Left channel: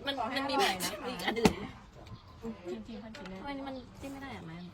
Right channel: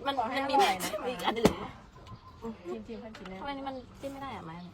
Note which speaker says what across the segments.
Speaker 1: มันมีแบบมีอันอื่น
Speaker 2: จริงๆพันกินแน่
Speaker 1: ทำไมนี่มันจิ้มไม่ได้อะมัน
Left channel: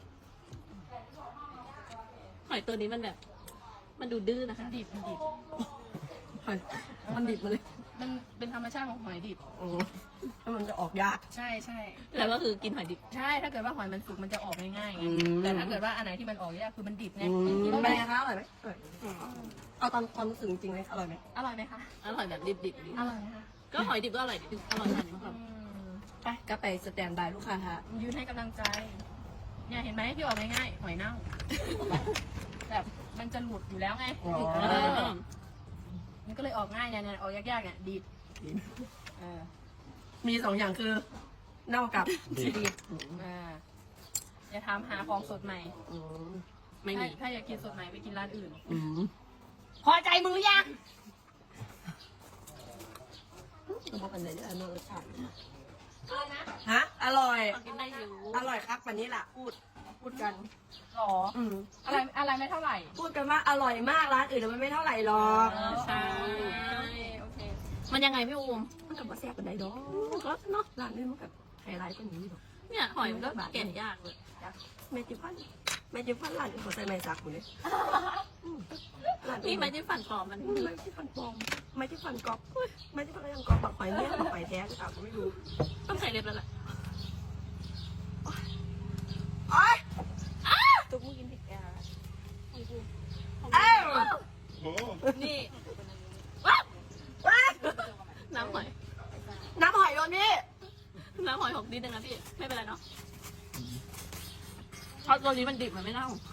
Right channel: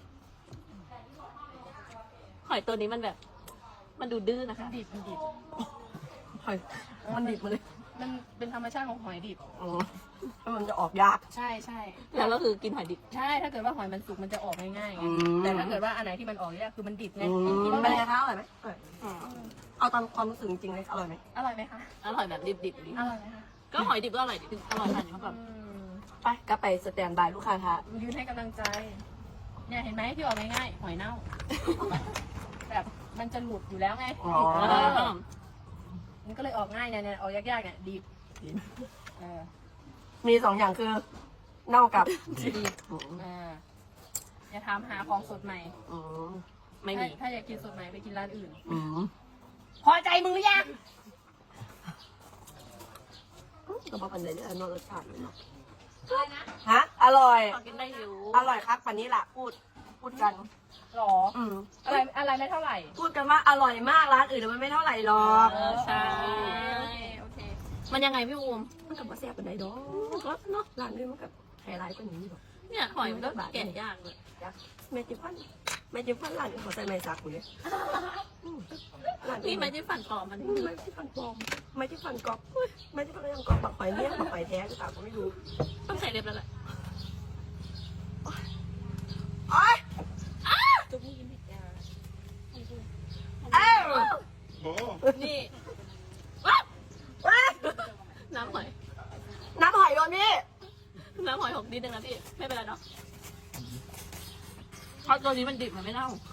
Speaker 1: หอยตัวนี้มันแบบ มันดูดื้อนะคะ
Speaker 2: ดิบมันดิบ
Speaker 3: มันดิบมาเลย
Speaker 2: มันเป็นธรรมชาติของหอยดิบ
Speaker 3: อ๋อมันจะออกยาก
Speaker 2: ใช่ใช่
Speaker 1: แล้วก็คือกินหอยดิบ
Speaker 2: ใช่ถ้าเกิดว่าหอยมันสุกมันจะออกง่ายๆไง
Speaker 3: อืม
Speaker 2: แต่ถ้าเกิดว่าอันไหนที่มันออกยากคือมันดิบไง
Speaker 3: เป็น
Speaker 2: ไม่
Speaker 3: ไงคะอร่อยไหมอร่อยเอาตามความรู้สึกจริงๆเลยอร่อยไหม
Speaker 2: อร่อยไหมคะ
Speaker 1: อร่อยแบบดิบๆนี้
Speaker 2: อร่อยไหมคะ
Speaker 1: ก็หอยดิบก็อร่อยดิอร่อยทันแบบ
Speaker 3: ไปก็ไปสแตนบายลูกค้าค่ะ
Speaker 2: ยืนให้กำลังใจเนี่ยเห็นไหมที่ออกง่ายๆหอยเน่าแบบมันจะหลุดอยู่แล้วไง
Speaker 3: อ๋อ
Speaker 2: มันก็เลยออกง่ายเนี่ยออกยากๆเนี่ยดิบเออ
Speaker 3: มี2อย่างคือเน่ากับ
Speaker 2: ดิบอย่าถามหาของสดใหม่
Speaker 3: อืม
Speaker 1: ไม่มี
Speaker 2: ถ้าอยากกินสดใหม่ไปกินร้านอื่น
Speaker 3: อืม
Speaker 2: พอใจมึงหรือยัง
Speaker 3: ก็บอกกันเลยเนี่ยนอนรสชาติเนาะ
Speaker 2: อะไรนะ
Speaker 3: ฮะอร่อย
Speaker 1: พอกินได้อยู่
Speaker 3: อร่อยครับวันนี้ล่ะพูดกัน
Speaker 2: หรอ
Speaker 3: อืม
Speaker 2: อะไรไม่เท่าไหร่
Speaker 3: พูดกันว่าอร่อยมากร้านอื่นมันไม่เท่าไหร่หรอก
Speaker 1: ใช่
Speaker 2: โอเค
Speaker 1: มันยังไงพี่อูม
Speaker 3: มันกับว่าแซ่บเป็นไดดอกครับเนาะร้านนี้มันกับไฮไลท์ก็อย่างนี้หรอก
Speaker 1: เนี่ยหอยมันก็แก่ย่างเลย
Speaker 3: แม่จิพันร้านนี้ขอใส่ไม้สักกูเลยร้าน
Speaker 1: นี่
Speaker 3: นี้
Speaker 1: ไม่ได้ฝันปลอมมัน
Speaker 3: ไม่ที่ฟันปลอมไม่ที่ฟันกรอบไม่ที่ฟันก็ยังกรอบบักหอยเนี่ยบักหอยแท้หรือเปล่าก็ไม่รู้
Speaker 1: ต้องใส่เล็บแล้วแหละ
Speaker 3: โอ๊ย
Speaker 1: จุ๊บมึงกินผิดแก้วแล้ว
Speaker 3: อ้าว
Speaker 1: นี่ว้าว
Speaker 3: ว้า
Speaker 1: น้ำหอย
Speaker 3: น้ำหอยโดนนี่
Speaker 1: น้ำหอยหกนิดนึงนะพี่ ไม่เป็นไรเนาะเพราะตัวนี้มันดิบมันไม่เน่า